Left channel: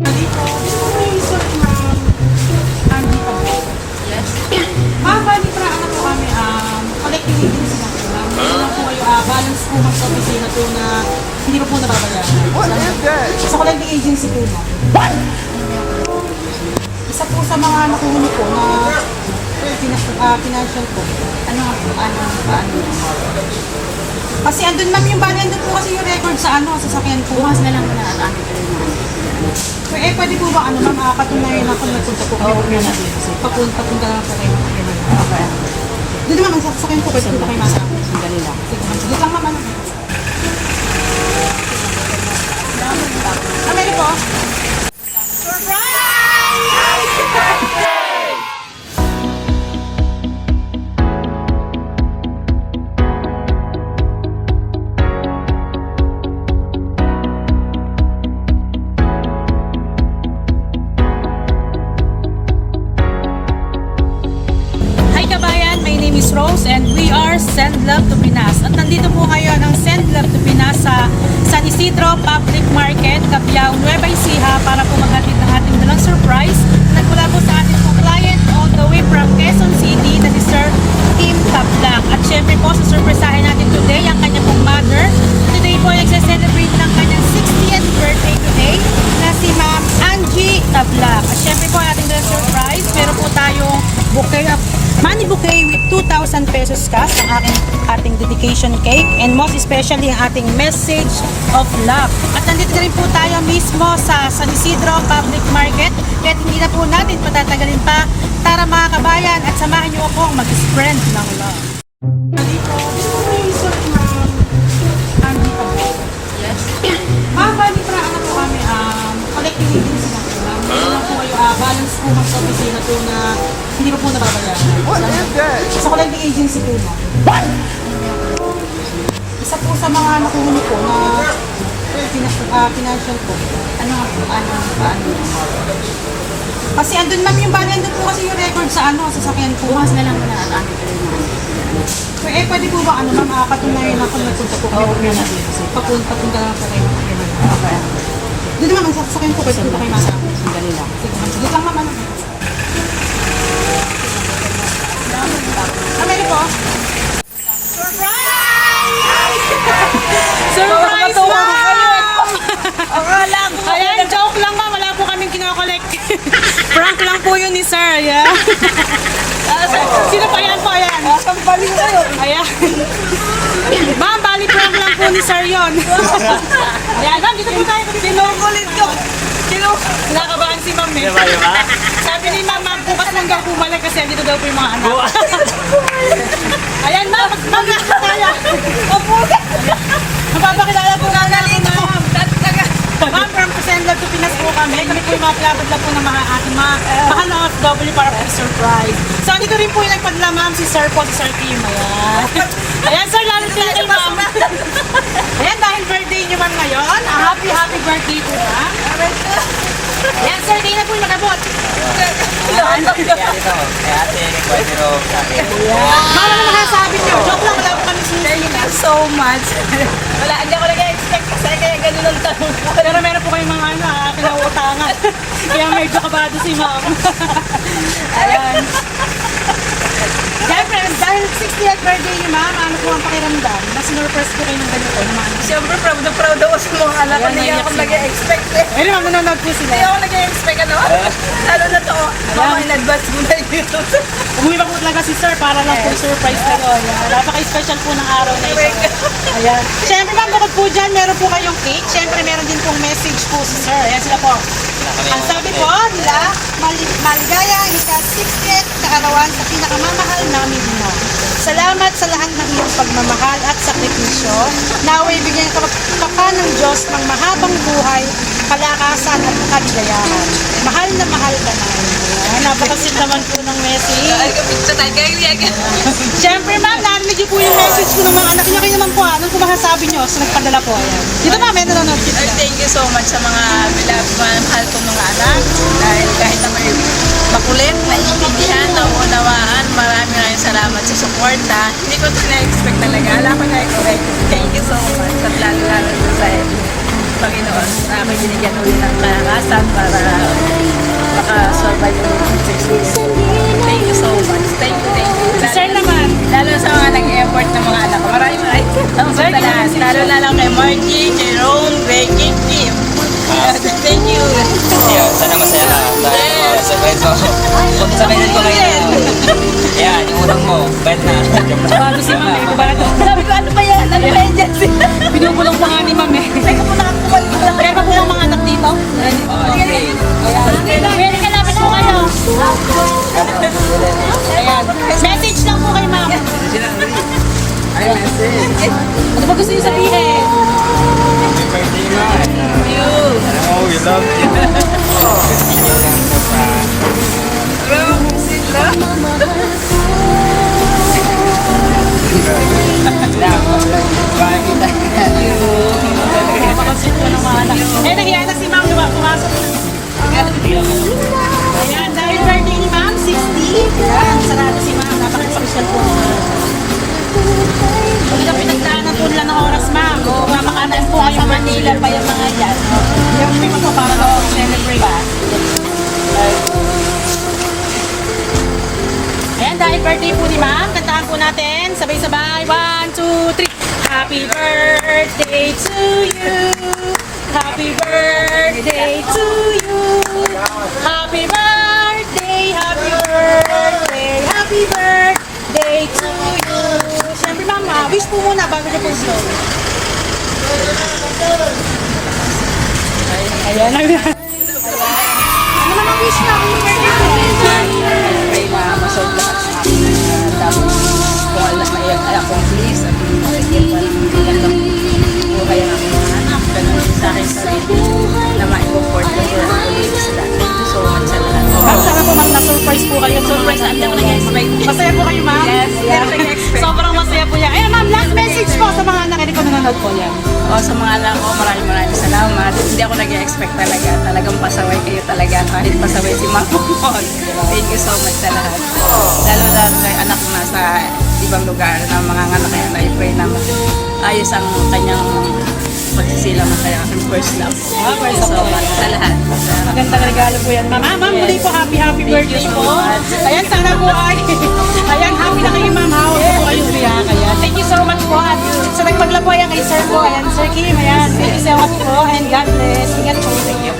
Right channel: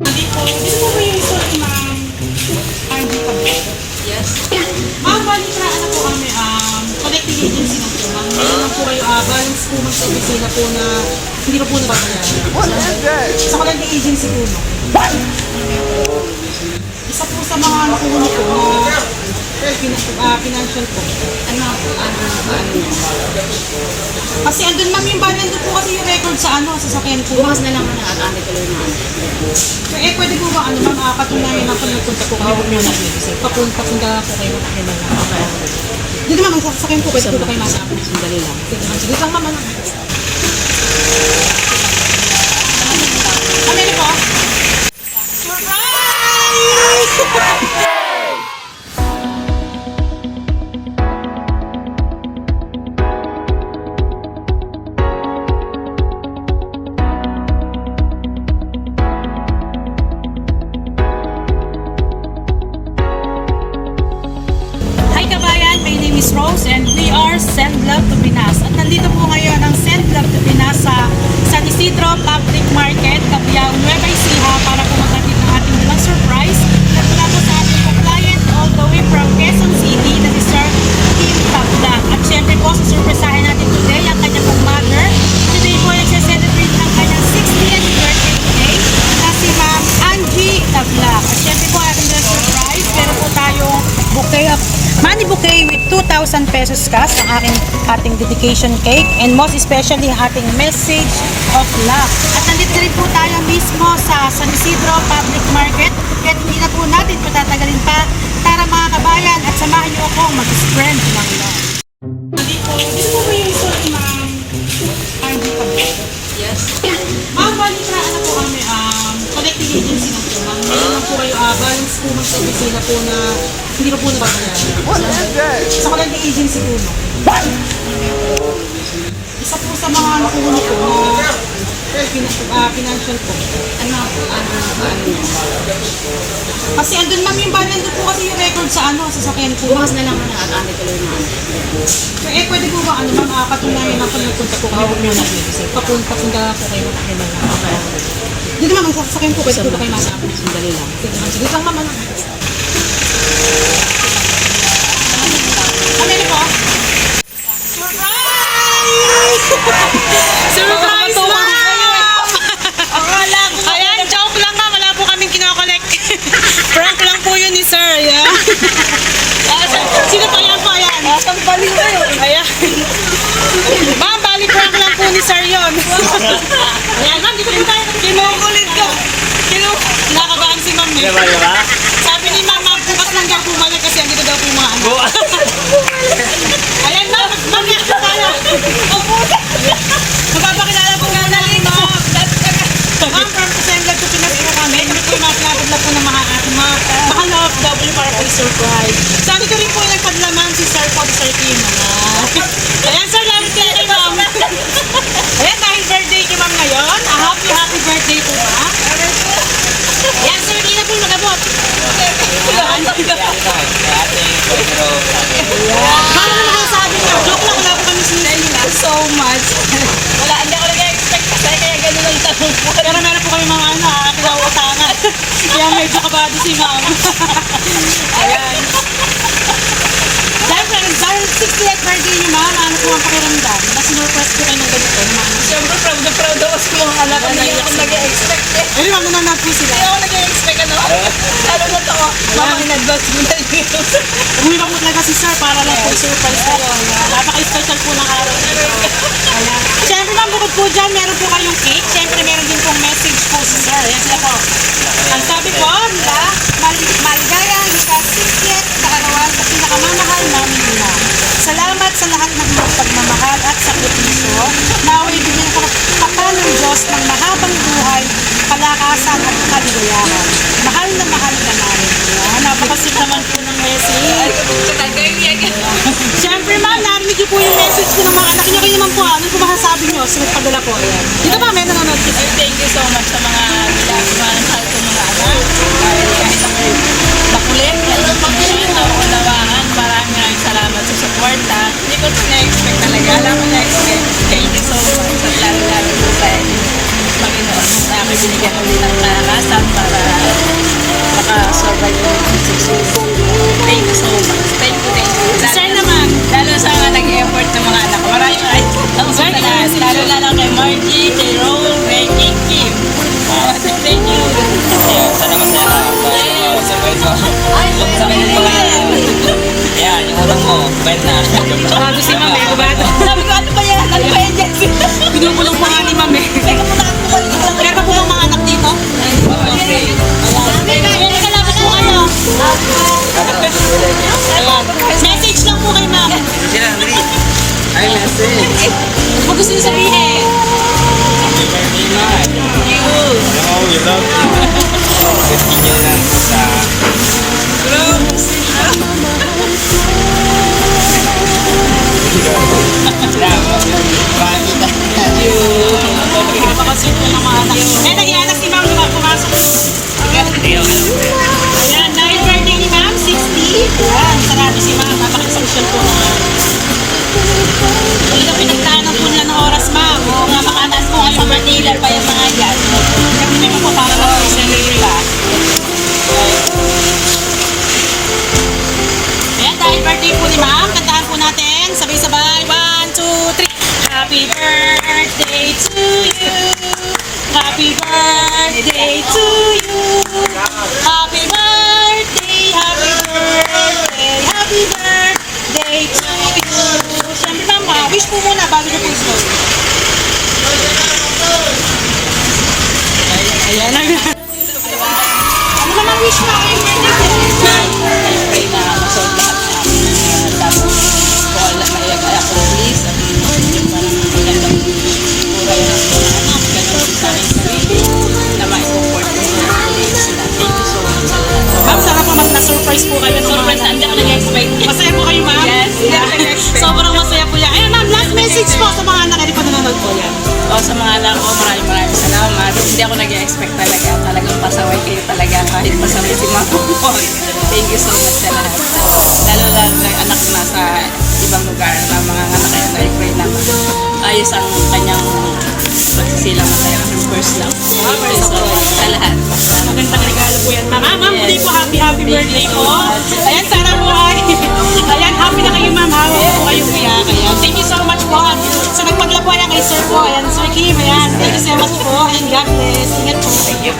Dito po yung sulat, ma'am. Angie Tablo. Yes. Ma'am, bali pra ano po kami, collecting agency na po, ma'am. Meron lang po kayo, balance po sa opisina po na hindi pa po nababayaran. What is that? Sa collecting agency po, ma'am. What? Isa po sa mga nakuhuli po na financial po. Ano nga po? Ano? Kasi andun, ma'am, yung bali, andun po kasi yung record sa sasakyan po. Bukas na lang mo nakakaamit ko na. So, pwede po ba, ma'am, patunayan na kung nagpunta po kayo po na papunta po kayo ng Pagyaman na. Hindi naman, ang sasakyan po, pwede po ba kayo masama? Sandali lang. Sige lang, ma'am, Ameli po. Surprise! Hi kabayan, my name is Rose and we are Send Love to Pinas. At nandito po ngayon ang Send Love to Pinas sa San Isidro Public Market, Cabiao, Nueva Ecija para po maghatid ng ating dalang surprise. Nagmula po sa ating client all the way from Quezon City na si Sir Kim Tablang. At syempre po, susurpresahin natin today ang kanya pong mother. Today po ay nagse-celebrate ng kanyang 60th birthday today na si Ma'am Angie Tablang. At syempre po ating dalang surprise, pero po tayong bouquet of money bouquet with 2,000 pesos cash ang ating dedication cake and most especially ang ating message of love. At nandito rin po tayo mismo sa San Isidro Public Market at hindi na po natin patatagalin pa. Tara mga kabayan at samahan niyo akong mag-spread ng love. Dito po yung sulat, ma'am. Angie Tablo. Yes. Ma'am, bali pra ano po kami, collecting agency na po, ma'am. Meron lang po kayo, balance po sa opisina po na hindi pa po nababayaran. What is that? Sa collecting agency po, ma'am. What? Isa po sa mga nakuhuli po na financial po. Ano nga po? Ano? Kasi andun, ma'am, yung bali, andun po kasi yung record sa sasakyan po. Bukas na lang mo nakakaamit ko na. So, pwede po ba, ma'am, patunayan na kung nagpunta po kayo po na papunta po kayo ng Pagyaman na. Hindi naman, ang sasakyan po, pwede po ba kayo masama? Sandali lang. Sige lang, ma'am, Ameli po. Surprise! Surprise lang! Akala ko. Ayan, joke lang na. Wala po kaming kinokollect. Prank lang po yun ni Sir. Ayan. Sino pa yan po? Ayan. Asang baliw kayo. Ayan. Ma'am, bali prank lang po ni Sir yun. Ayan, ma'am, dito po tayo. Kinukulit ko. Kinakabahan si ma'am eh. Sabi ni ma'am, bukas lang daw bumalik kasi dito daw po yung mga anak. Ayan, ma'am, magpapakilala. Opo. Magpapakilala po nga natin, ma'am. Ma'am, from Send Love to Pinas po kami. Kami po yung mga pinapad po ng mga ating mga mahal na OFW para po surprise. So, dito rin po yung nagpadala, ma'am, si Sir po, si Sir Kim. Ayan, Sir, lamit ka kay ma'am. Ayan, dahil birthday niyo, ma'am, ngayon. Happy birthday po, ma'am. Ayan, Sir, di na po yung nagabot. Ayan. Ano naman sabi niyo? Joke lang, wala po kami sinisingin. Thank you so much. Wala, hindi ako nag-expect kasi kaya ganun ang tanong ko. Pero meron po kayong mga kinauutangan. Kaya medyo kabado si ma'am. Ayan. Siyempre, dahil 60th birthday niyo, ma'am, ano po ang pakiramdam? Mas sinurpress ko kayo ng ganito, ma'am. Siyempre, proud na proud ako sa mga anak ko. Hindi ako nag-expect eh. Ayun, ma'am, nanonood po sila. Hindi ako nag-expect ano. Lalo na to, mama in-advance mo na dito. Umuwi po talaga si Sir para lang po surprise ko. Napaka-special po ng araw na ito. Ayan. Siyempre, ma'am, bukod po dyan, meron po kayong cake. Siyempre, meron din pong message po si Sir. Ayan sila po. Ang sabi po nila, maligayang ika-60th kaarawan sa pinakamamahal namin ina. Salamat sa lahat ng iyong pagmamahal at sakripisyo. Naway bigyan ng kapakpan ng Diyos ng mahabang buhay, kalakasan at kaligayahan. Mahal na mahal ka namin. Napakasit naman po ng message. Siyempre, ma'am, narinig niyo po yung message ko ng mga anak niyo. Kayo naman po, anong po masasabi niyo? Sinapadala po. Dito pa, may nanonood po sila. Thank you so much sa mga mahal ko mga anak. Dahil kahit na may makulit, naiintindihan, nauunawaan, maraming salamat sa suporta. Hindi ko ito na-expect talaga. Alam ko na-expect. Thank you so much. At lalo-lalo sa Panginoon. Maraming binigyan ulit ng kalakasan para makasurvive ulit ng 6 weeks. Thank you so much. Thank you. Si Sir naman. Lalo sa mga nag-effort ng mga anak ko. Maraming sa lahat. Lalo na lang kay Margie, Jerome, Reggie, Kim. Thank you. Ayun, sana masaya ka. Dahil survive mo. Kung sabihin ko kayo. Ayan, yung utang mo. Bent na. Joke lang. Bago si Ma'am, bago. Sabi ko, ano ba yan? Ano ba yan dyan? Pinupulong po yan ni Ma'am eh. Teka mo nakakuha ko lang. Meron po lang mga anak dito. Okay. Pwede ka lapit po kayo. Ayan. Message lang po kay Ma'am. Ay, message. Ano ba gusto niyo sabihin? Happy birthday, man. Alam mo, we love you. Continue lang po sa... Salamat. Bye kita. Papansin po ng mga anak. Eh, nag-ianak si Ma'am, diba? Pumasok. Ayan, dahil birthday ni Ma'am, 60. Ayan, sarado si Ma'am. Napaka-social po. Talaga pinagdaan ng tunlan ng oras, Ma'am. Oo nga, makanas po Sa Manila pa yung mga yan. Hindi mo po para mag-celebrate. Ayan, dahil birthday po ni Ma'am, kantahan po natin. Sabay-sabay. 1, 2, 3. Happy birthday to you. Happy birthday to you. Happy birthday, happy birthday, happy birthday to you. Siyempre, Ma'am, wish po muna bago ko po slow. Ayan. Ano naman wish mo? Pray na masolve lahat ng aking mga tapos kung ma-accomplish at mabigyan pa ng magandang buhay ang aking mga anak. Ganun din sa aking sarili na ma-support ko sila ulit sila. Thank you so much sa lahat. Ma'am, sana po na-surprise po kayo. Surprise, hindi ako nag-expect. Masaya po kayo, Ma'am? Yes, hindi ako nag-expect. Sobrang masaya po yan. Eh, Ma'am, last message po sa mga anak. Hindi po nanonood po yan. O sa mga anak ko, maraming salamat. Hindi ako nag-expect talaga. Talagang pasaway kayo talaga. Kahit pasaway si Mama mo. Thank you so much sa lahat. Lalo-lalo na yung anak ko nasa ibang lugar na mga anak yan. I-pray na ayos ang kanyang pagsisila masaya. First love. Thank you so much sa lahat. Magandang regalo po yan, Ma'am. Ma'am, Yes. hindi po happy Thank birthday you so po. much. Ayan, sana po ay. Ayan, happy na kayo, Ma'am. Ha? Huwag po kayo umiyak. Ayan. Thank you so much po. So, nagpadala po yan kay Sir po. Ayan, Sir Kim. Ayan, thank you so much po. And God bless. Ingat po. Thank you.